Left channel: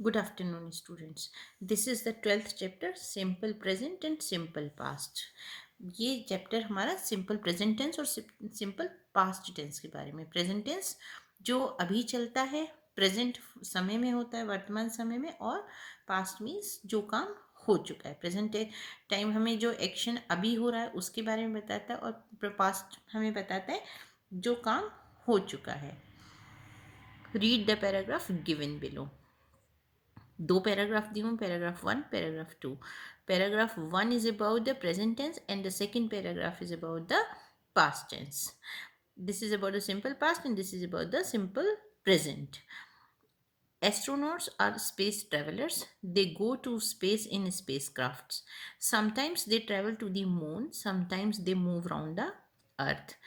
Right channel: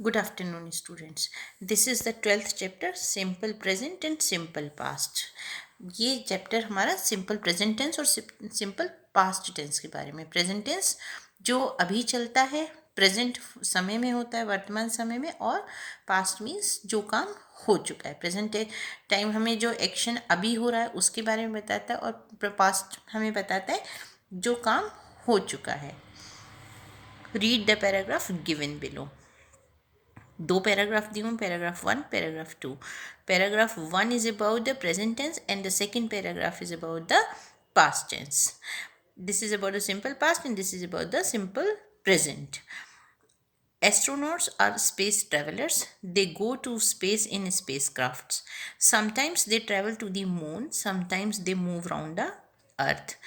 Good afternoon, students. This is the 12th chapter, Simple Present and Simple Past. ये chapter हमारा simple present tense और simple past tense के बारे में। Present tense जो अभी चलता है, प्रेजेंट समय में होता है, वर्तमान समय में, और पास्ट मीन्स जो काम हो चुका है। प्रेजेंट टाइम हमें जो एक्शन अभी हो रहा है उसके बारे में बताता है, और पास्ट हमें बताता है जो काम हो चुका है। Read the paragraph given below. दो पैराग्राफ दी हूँ, paragraph 1, paragraph 2। Paragraph 1 is about the present tense and the second paragraph is about the past tense. This is about the simple past and this is about the simple present. Astronauts are space travelers. They go to space in spacecrafts. Sometimes they travel to the moon, sometimes they move around the earth.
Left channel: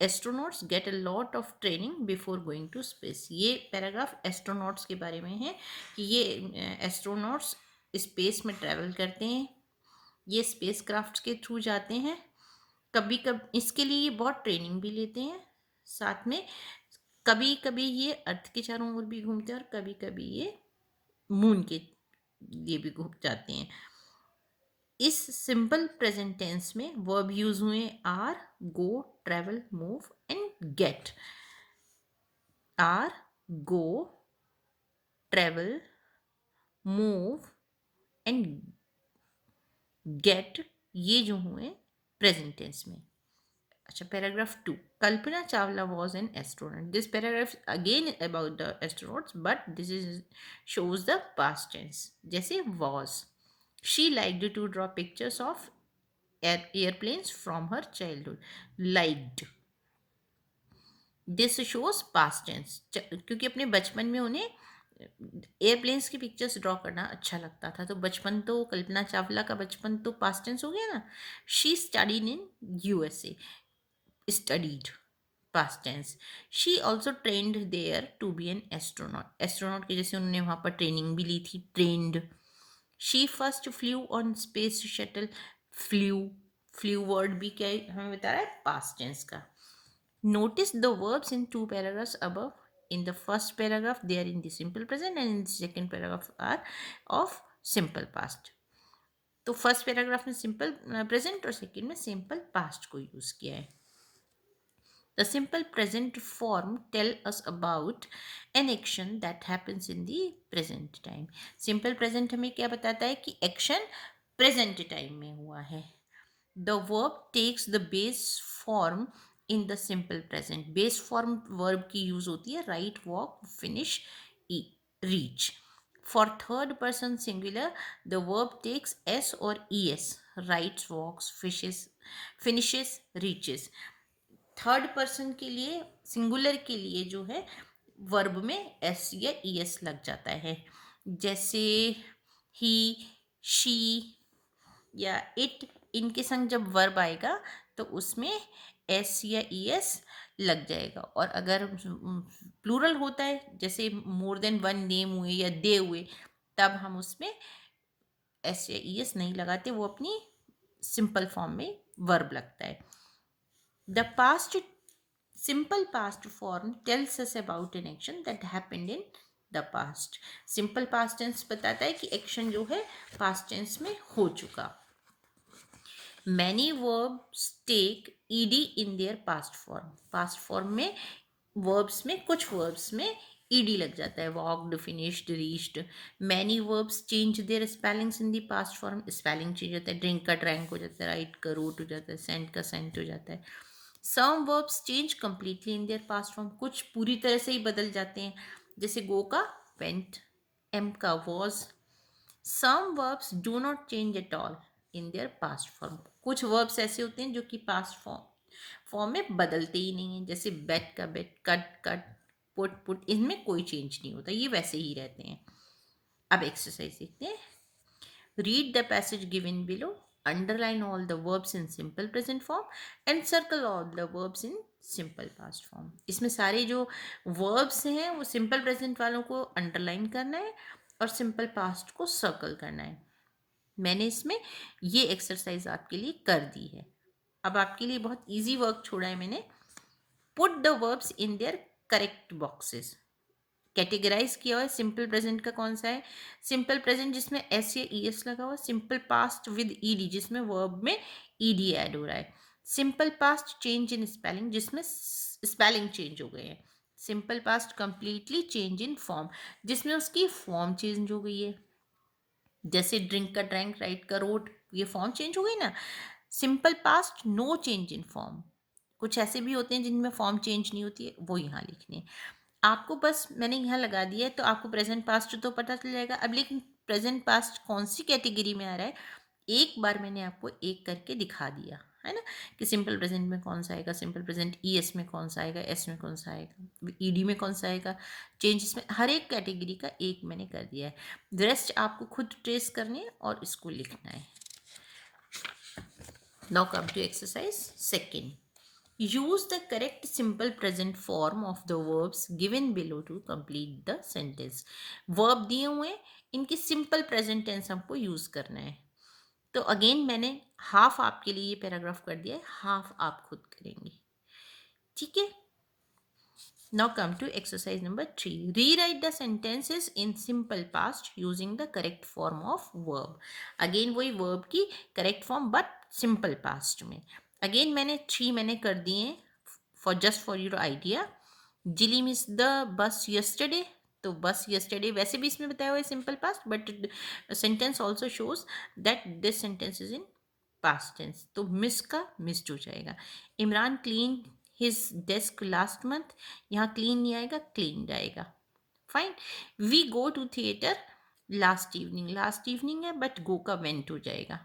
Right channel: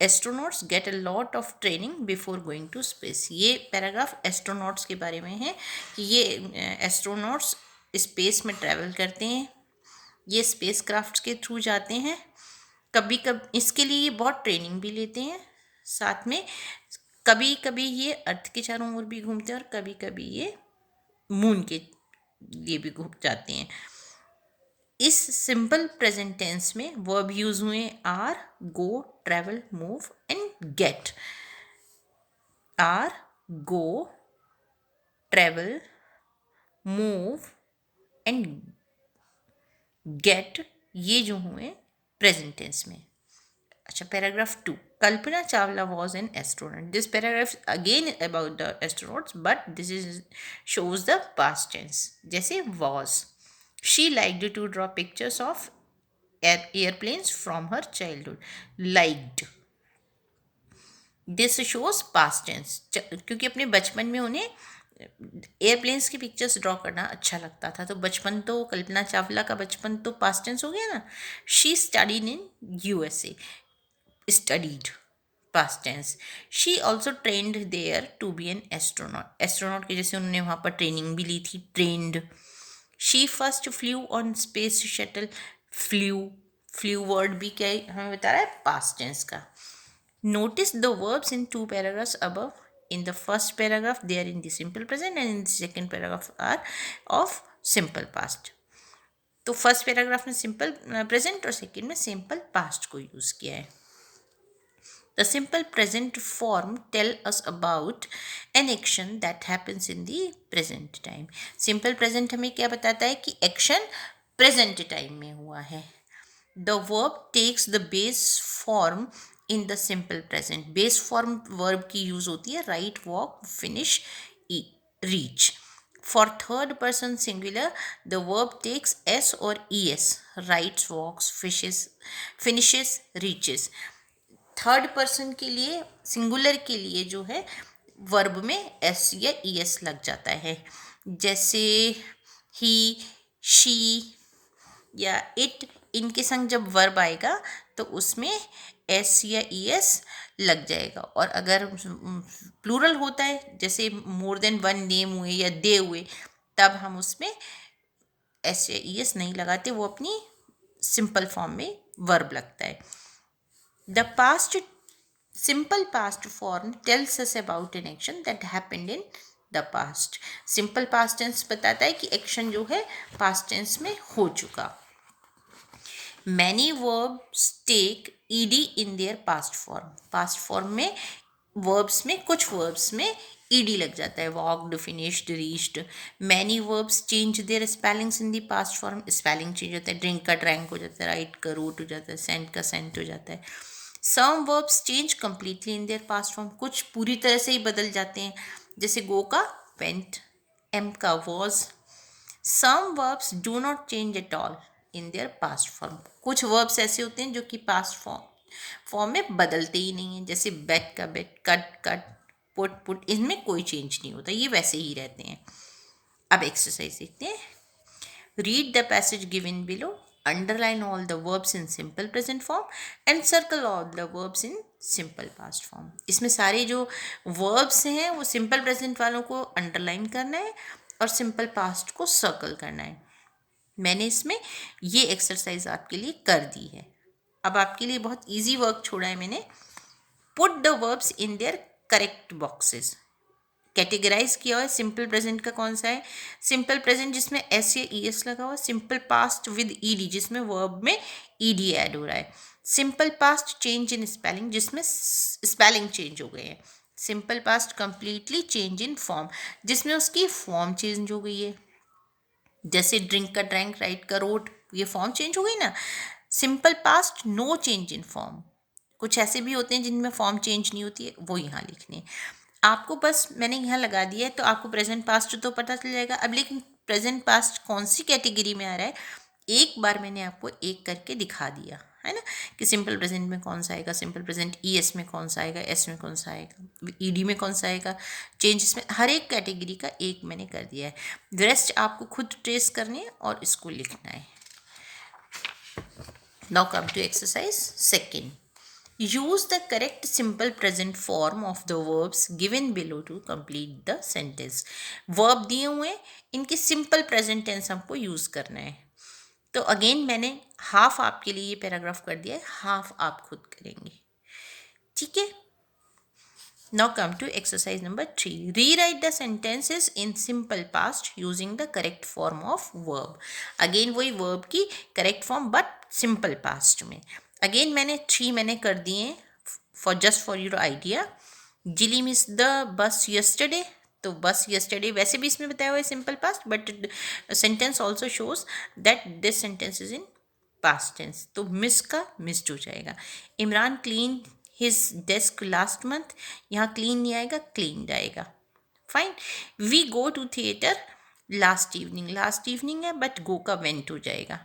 Astronauts get a lot of training before going to space. ये paragraph astronauts के बारे में है कि ये astronauts space में travel करते हैं, ये स्पेस क्राफ्ट के थ्रू जाते हैं। कभी कभी इसके लिए ये बहुत ट्रेनिंग भी लेते हैं, साथ में कभी कभी ये अर्थ के चारों ओर भी घूमते हैं और कभी कभी ये मून के लिए भी घूम जाते हैं। इस सिंपल प्रेजेंट टेंस में वर्ब यूज हुए are, go, travel, move and get. Are, go, travel, move and get, ये जो हुए प्रेजेंट टेंस में। अच्छा, paragraph 2। Kalpana Chawla was an astronaut. This paragraph again about the astronauts but this is shows the past tense. जैसे was, she liked to draw pictures of airplanes from her childhood. Liked, this shows past tense, क्योंकि अपने बचपन में उन्हें airplanes की pictures draw करना अच्छा लगता था। तो बचपन तो कल्पना चावला का बचपन तो पास्ट टेंस हो गया ना। She studied in USA, studied past tense. She also trained there to be an astronaut, astronaut के जैसे उन्होंने वहाँ पर ट्रेनिंग भी ली थी, trained. She first flew on space shuttle, flew, flew word भी क्या हमें बता रहा है, पास्ट टेंस का। Notice the verbs in two paragraphs above. In the first paragraph, they are in the simple present, and in the second paragraph are of simple past. तो first paragraph में simple present और second में simple past को use किया है। The simple present form tell us about an action that happens in the present time. Simple present हमें क्या बताता है कि एक्शन प्रेजेंट टाइम में हुआ है। The verb takes the base form in the simple present. Base form verb की use होती है right, walk, finish, reach. For third person singular, the verb takes s or es. Writes, walks, fishes, finishes, reaches. Third person के लिए, singular के लिए जो है verb में एस या ई एस लग जाता है। जैसे ही, शी या इट, इनके संग जब वर्ब आएगा तो उसमें एस या ई एस लग जाएगा। और अगर प्लूरल होता है, जैसे मोर देन वन नेम हुए या दे हुए, तब हम उसमें एस या ई एस नहीं लगाते, वो अपनी सिंपल फॉर्म में वर्ब लगता है। The past, simple past form tells us about an action that happened in the past. Simple past tense बताता है कि एक्शन जो है पास्ट टेंस में हो चुका। Many verbs take ED in their past form. Past form में verbs में, कुछ वर्ब्स में ईडी लग जाता है, walked, finished, reached. Many verbs change their spellings in the past form. Spelling change होता है, ड्रिंक का ड्रैंक हो जाता है, राइट का रूट हो जाता है, सेंट का सेंट हो जाता है। Some verbs change completely in their past form. कुछ पूरी तरह से ही बदल जाते हैं, जैसे गो का वेंट, एम का was. Some verbs do not change at all in their past form. कुछ वर्ब्स ऐसे होते हैं जो कि पास्ट फॉर्म में बदलते ही नहीं हैं, जैसे बेट का बेट, कट कट, पुट पुट, इनमें कोई चेंज नहीं होता, ये वैसे ही रहते हैं। अब एक्सरसाइज देखते हैं। Read the passage given below, underline all the verbs in simple present form and circle all the verbs in simple past form. इसमें सारे जो वर्ब्स हैं वो सिंपल प्रेजेंट वालों को अंडरलाइन करना है और सिंपल पास्ट को सर्कल करना है। मैंने इसमें ये एक्सरसाइज आपके लिए कर दी है। अब आपके लिए बहुत इजी वर्क छोड़ा है मैंने। Put the verbs in their correct boxes. Categorise किया हुआ है। सिंपल प्रेजेंट का कौन सा है? सिंपल प्रेजेंट जिसमें एस या ई एस लगा हुआ है। Simple past with E D जिसमें वर्ब में ई डी ऐड हो रहा है। Simple past change in spelling जिसमें स्पेलिंग चेंज हो गए हैं। Simple past completely change in form जिसमें उसकी फॉर्म चेंज हो गई है। जैसे ड्रिंक का ड्रैंक, राइट का रोट, ये फॉर्म चेंज हो गई ना। Simple past no change in form, कुछ ऐसे भी होते हैं जिनमें फॉर्म चेंज नहीं होती है, वो यहाँ लिखने हैं। आपको बस मैंने यहाँ लगा दिया है तो आपको प्रेजेंट पास्ट तो पता चल जाएगा। अब लेकिन प्रेजेंट पास्ट कौन सी कैटेगरी में आ रहा है, एक बार मैंने आपको एक करके दिखा दिया है ना, कि सिंपल प्रेजेंट में कौन सा आएगा, सिंपल प्रेजेंट ई एस में कौन सा आएगा, एस में कौन सा आएगा, ई डी में कौन सा आएगा, चेंजेस में हर एक कैटेगरी का एक मैंने कर दिया है। रेस्ट आपको खुद ट्रेस करने हैं और इसको लिखना है। Now come to exercise second. Use the correct simple present form of the verbs given below to complete the sentence. Verb दिए हुए हैं, इनकी simple present tense हमको use करना है। तो अगेन मैंने हाफ आपके लिए ये पैराग्राफ कर दिया है, हाफ आप खुद करेंगे, ठीक है। Now come to exercise number 3. Rewrite the sentences in simple past using the correct form of verb. Again वही verb की correct form but simple past में। Again मैंने 3 मैंने कर दिए for just for your idea. Jilly missed the bus yesterday. तो बस yesterday वैसे भी इसमें बताया हुआ है simple past but sentence also shows that this sentence is in past tense, तो मिस का मिस्ड हो जाएगा। Imran clean his desk last month, यहाँ क्लीन नहीं आएगा, क्लीन आएगा। Fine. We go to theatre last evening है बट गो का वेंट हो जाएगा,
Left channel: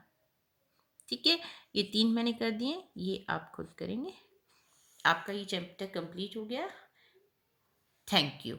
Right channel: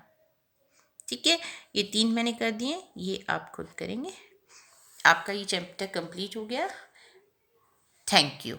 ठीक है। ये 3 मैंने कर दिए, ये आप खुद करेंगे। आपका ये चैप्टर कंप्लीट हो गया। Thank you.